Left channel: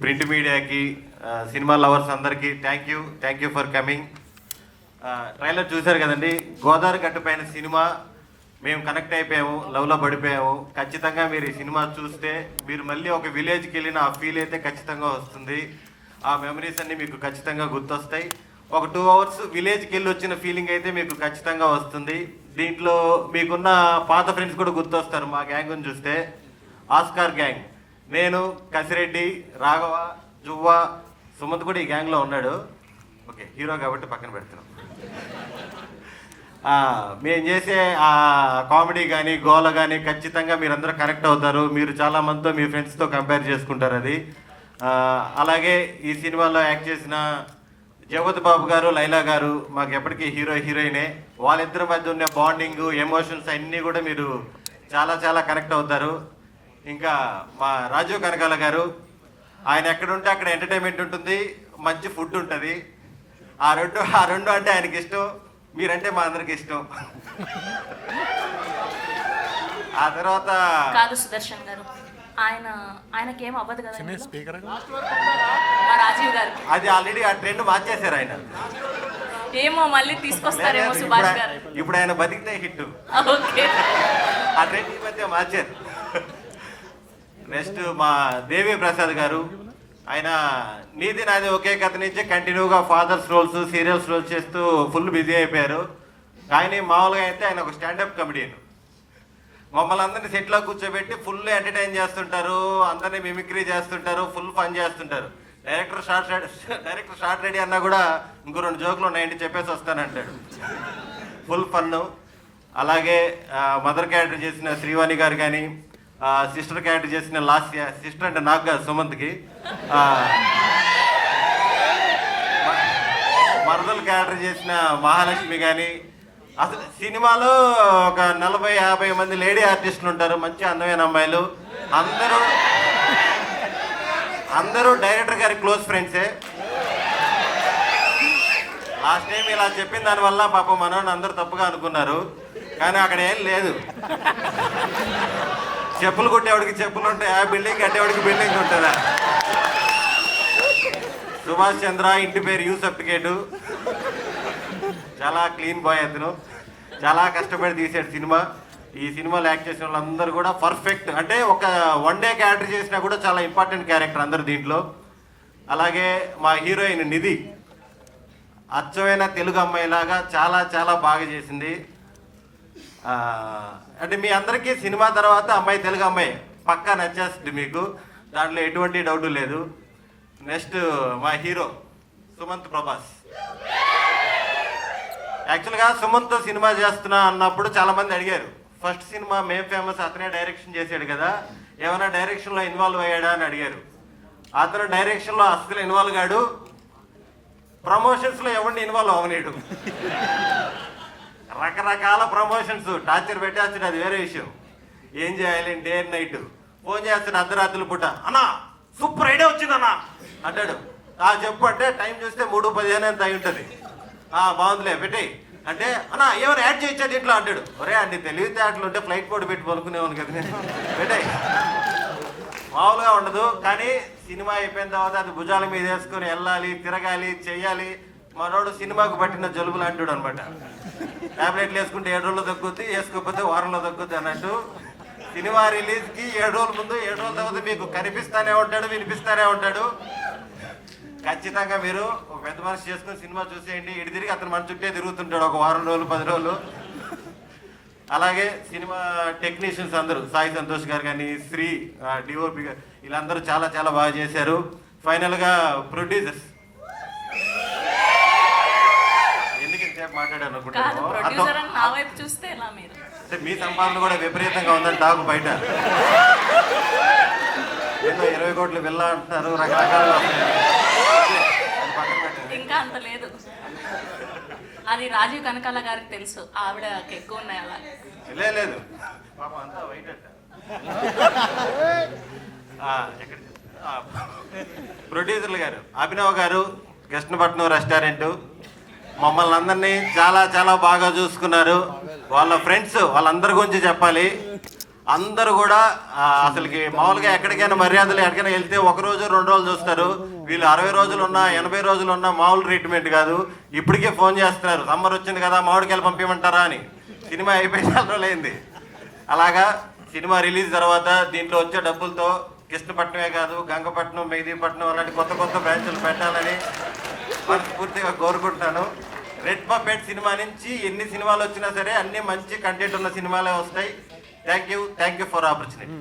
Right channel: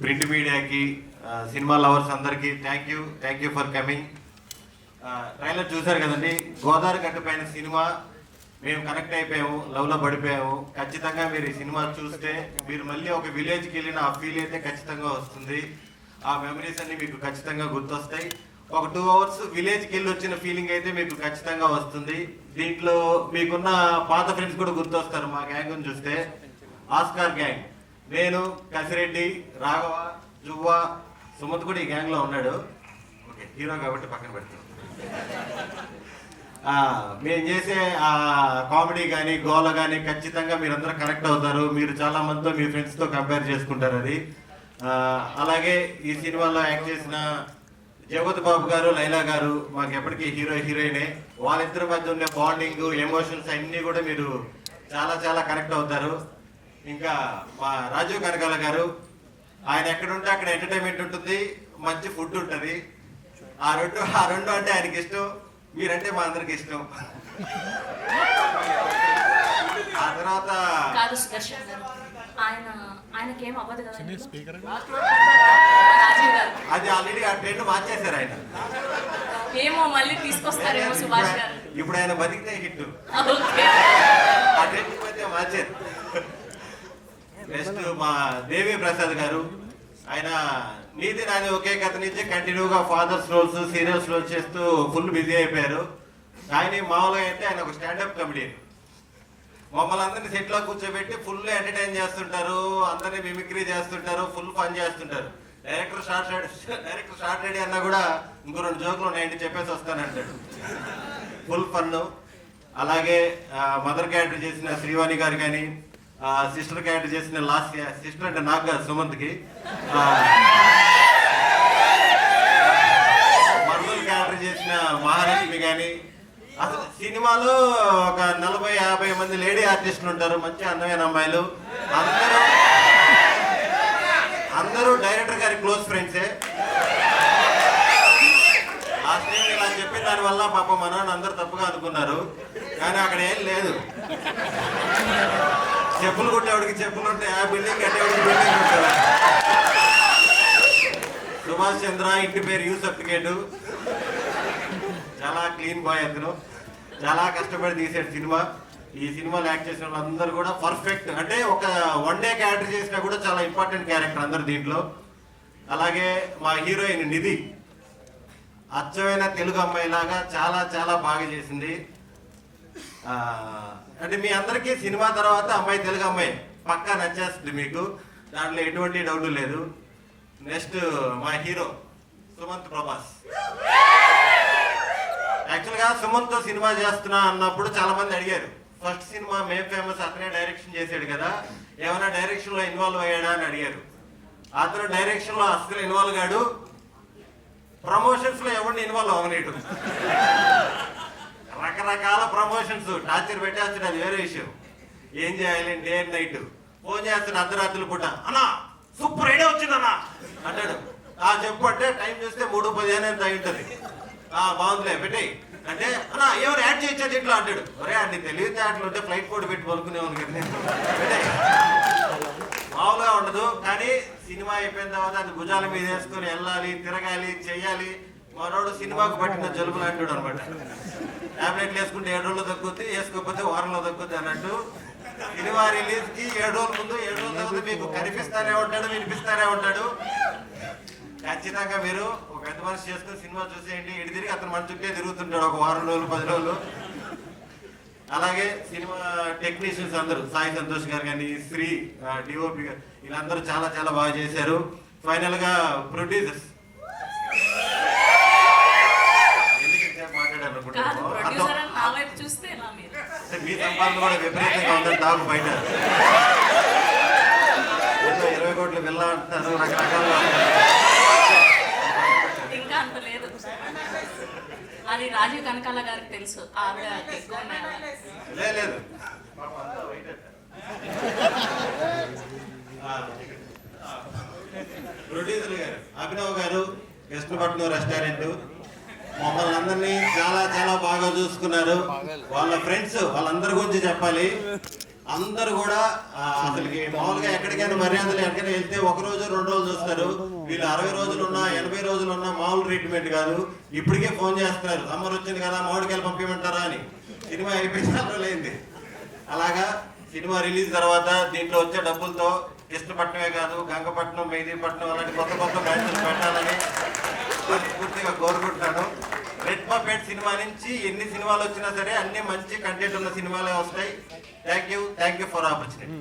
Print మీడియాకి, cinema lovers అందరికీ thank you for coming. Trailer చూశారు కదండి, గోదావరి గట్టు పైన సినిమా. మేము కనెక్ట్ అయిపోయాము, లవ్లో పడిపోయాము. ఖచ్చితంగా మీరు ఈ సినిమా చూస్తే మీరు మళ్ళీ ఒక విలేజ్కి వెళ్ళిన ఆ ఫీల్ అయితే ఖచ్చితంగా వస్తుంది. ఆ మెమరీస్ అన్ని మీకు ఖచ్చితంగా గుర్తొస్తాయి. ఒక 2 hours విలేజ్కి వెళ్ళి వచ్చిన ఫీలింగ్ అయితే మీకు ఖచ్చితంగా వస్తుంది. దీంట్లో మీకున్న పాత ఫ్రెండ్స్ కూడా గుర్తొస్తారు. మా గ్యాంగ్ని చూస్తే ఆస్కార్ గ్యాంగ్, నేను, కసిరెడ్డి, రాఘవ, జువ్వ, సుమంత్ కూడా ఈ గ్యాంగ్లో ఉన్నాడు. ఓకే, హీరో కాబట్టి పక్కన పెడతాం. మేము చేసే ఆ కామెడీ కానీ గోల కానీ ఖచ్చితంగా మీరందరూ కనెక్ట్ అవుతారు. మీరు చాలా మందితో మీ ఫ్రెండ్స్తో కంపేర్ చేసుకుంటారు అది. అలాగే ఈ సినిమాలో యాక్ట్ చేసిన జగపతి బాబు గారు, లైలా గారు మాకు ఎప్పటికీ హీరోయినే. వాళ్ళిద్దరి మధ్య ఉన్న బాండింగ్, ఎమోషన్స్ అన్నీ కూడా మీరు చాలా చాలా కనెక్ట్ అవుతారు. ఇంకా మా రాజీవ్ కనకాల గారు, ఆయన ఎక్కడుంటే అక్కడ ఎంటర్టైన్మెంట్ ఉంటుంది, మంచి ఫుడ్ ఉంటుంది. ఆ రెండు అంటే ఆయనకి ఇష్టం, మీరంటే మా అందరికి ఇష్టం. ఆ తర్వాత కాదు సుదర్శన్ గారు, ఆయనకి ఏం అవ్వదు కదా. అది ఆల్రెడీ ఆ ట్రెండ్ మార్చేశారు ఆయన. ఏమో మళ్ళీ తీసుకొస్తారేమో సుభాష్ గారు. ఇప్పుడు ఆయన బతికితే హిట్, ఆ ట్రెండ్ మధ్య మార్చారు. నెక్స్ట్ మా దేవి ప్రసాద్ గారు, ఆయన నీది నాది ఒకే కథ నుంచి కంటిన్యూగా ఫాదర్స్ రోల్స్, సీరియల్స్ రోల్స్ చేస్తూ ఫుల్ బిజీ అయిపోయారు. కానీ మామూలుగా అయితే ఆయన ఒక స్టాండప్ కమెడియన్. మమ్మల్ని అందరినీ సెట్లో కూర్చోబెట్టి ఫుల్ ఎంటర్టైన్ చేస్తుంటారు, అందరినీ మిమిక్రీ చేస్తుంటారు, ఫుల్ ఫన్ చేస్తుంటారు. డైరెక్టర్ షార్ట్ రెడీ అన్నా కూడా ఇంకో 2 జోకులు 90 చెప్పేసి వస్తానంటాడు. Full fun. అలాగే మదర్ క్యారెక్టర్ చేసిన శ్రీవాణి గారు కానీ, సిస్టర్ క్యారెక్టర్ చేసిన లాస్ట్ సిస్టర్ అంటే నాకు కాదు, సుమంత్కి. మరదల్ క్యారెక్టర్ చేసిన మహాలక్ష్మి కానీ. అసలు సినిమాలో ఒక 40-50 మంది లేడీ ఆర్టిస్టులు ఉంటారు, మంచి అందమైన అమ్మాయిలు. అందరూ డైరెక్టర్ గారి క్లోజ్ ఫ్రెండ్సే. ఆ స్టేజ్ ఇలా చెప్పిన దానివల్ల పాపం మనోని అందరూ తప్పుగా అనుకున్నారు, కానీ అక్కడ ఏం లేదు. చెప్పులు కొట్టేవాడికి చెప్పులు ఉంటాయి, ఆ బిల్డింగ్ కట్టేవాడికి బిల్డింగ్ ఉంటుందా? సుభాష్ చంద్ర, ఇంటి పేరు యూ సర్టిఫికేటు. చాలా క్లీన్ బాయ్ అతను, చాలా కష్టపడి తీసాడు సినిమా. ఈ సినిమాలో యాక్ట్ చేసిన వాళ్ళందరూ కూడా పర్ఫెక్ట్. అంటే ఒక 1 day క్యారెక్టర్ చేసినా కూడా చాలా ఇంపార్టెంట్ క్యారెక్టర్ అందరు దీంట్లో. అలాగే మా హీరోయిన్ నిధి, అచ్చమైన తెలుగు అమ్మాయిలాగా చాలా చాలా బాగా చేసింది. అంటే మీ అందరికీ సినిమా తర్వాత అమ్మాయి తెలుగు అమ్మాయి పక్కా నచ్చేస్తుంది మీకు, దాంట్లో ఎటువంటి డౌట్ లేదు. నెక్స్ట్ మా హీరో సుమంత్ ప్రభాస్. యాక్చువల్గా సుమంత్ సినిమా చేస్తున్నా అన్నప్పుడు చాలా మంది అడిగారు, ఫస్ట్ సినిమా మేం ఫేమస్ అతనే డైరెక్షన్ చేశాడు కదా, ఏమైనా డైరెక్షన్లో ఇన్వాల్వ్ అయ్యాడా అని అడిగారు. అతను డైరెక్షన్లో అస్సలు ఇన్వాల్వ్ కాడు, ప్రమోషన్స్లో ఎవరిని ఇన్వాల్వ్ అవ్వలేడు. రకరకాల ప్రమోషన్స్ టార్చర్ పెట్టేస్తాడు, అది వేరే విషయం. ఏం చేయాలి డే అండ్ నైట్ ఫోన్ చేస్తాడు, అర్ధరాత్రులు పూట, అన్నా సూపర్ ఐడియా వచ్చిందన్నా అంటాడు. చెప్పు అంటే టైం చూస్తే 3:15 ఎంత అయి ఉంటుంది. బాగుందిలే పెట్టి అంటే, అన్నా ఎవరు యాడ్ చేయించాడు ఇంట్లో అంటాడు. ఒరే అన్ని తెలివితే అట్లు ఉంటే ఫ్లైట్ కోడ్ పెట్టి పలుకునేవాళ్ళు కదా పెట్టే. మామూలుగా ఉండదు. కానీ సినిమా అయిపోయిన తర్వాత అది భుజాల మీద వేసుకొని వెళ్ళాలి, తిరగాలి, చెయ్యాలి. మనోడు సినిమాకు పట్టిన జలుబులు అంటాడు అనమాట. టాబ్లెట్లు వేసుకుంటే 7 రోజులు తగ్గుద్ది, వేసుకోకపోతే వారంలో తగ్గుద్ది అన్నట్టు. సినిమా రిలీజ్కి 7 రోజుల ముందు 7 రోజుల తర్వాత మీకు కనిపిస్తానే ఉంటాడు, వినిపిస్తానే ఉంటాడు. ఖచ్చితంగా మీరు ఒక పెద్ద మనసు చేసుకుని సినిమా చూసేయండి. ఇటు తిరిగి అతను మన చుట్టే తిరుగుతుంటాడు ఒక 10 రోజులు 10 రోజులు. అలాగే సినిమా టెక్నీషియన్స్ అందరూ, సాయి సంతోష్ గారు కానీ, శ్రీ డిఓపి గారు, వీళ్ళందరూ చాలా చాలా బాగా చేశారు. ఫైనల్గా ప్రొడ్యూసర్స్ మీ సంపాదన కూడా విపరీతంగా ఉందని టాకు బయట. 20 కోట్లు వెళ్ళా అంటున్నారు, రకరకాల. ఇంకా అంత లేదు, అది రాజీవ్ కనకాల గారికి తెలుసు, ఆవిడ ఎక్కువ ఉన్నాయి. లేదు ప్రొడ్యూసర్లు గారు, అభినవ్ గారు, కృష్ణపట్నం రెస్టారెంట్, మమ్మల్ని అందరినీ చాలా చాలా బాగా చూసుకున్నారు. వాళ్ళ ఫ్రెండ్స్ వాళ్ళందరి గురించి చెప్పాలి. అందరూ కూడా అసలుకి మామూలుగా ఎక్కడికైనా మర్యాదలు ఎక్కడికైనా వెళ్తే 1 రోజు 2 రోజులు చూస్తారు. వీళ్ళు 60 రోజులు ఉన్నా 80 రోజులు ఉన్నా మామూలు ట్రీట్మెంట్ కాదు. ఇప్పటికే ఫోన్ చేస్తున్నారు, సమ్మర్ వచ్చింది కదా మామిడికాయలు పంపించమంటారా అని. సినిమా అయిపోయిన 4 రోజులైంది. అలాగా సినిమా రిలీజ్ తర్వాత దీంట్లో వచ్చే డబ్బులతో కృష్ణపట్నమే కాదు, గంగపట్నం, మెహదీపట్నం అలాంటి కొత్త కొత్త బ్రాంచ్లు పెట్టాలని పూర్తిగా కోరుకుంటున్నాను. రెడ్ పపెట్ సినిమా నుంచి ఎన్ని సినిమాలు వచ్చినా సరే అన్ని మంచి కంటెంట్ ఉన్న సినిమాలే వస్తాయి. Thank you for opportunity.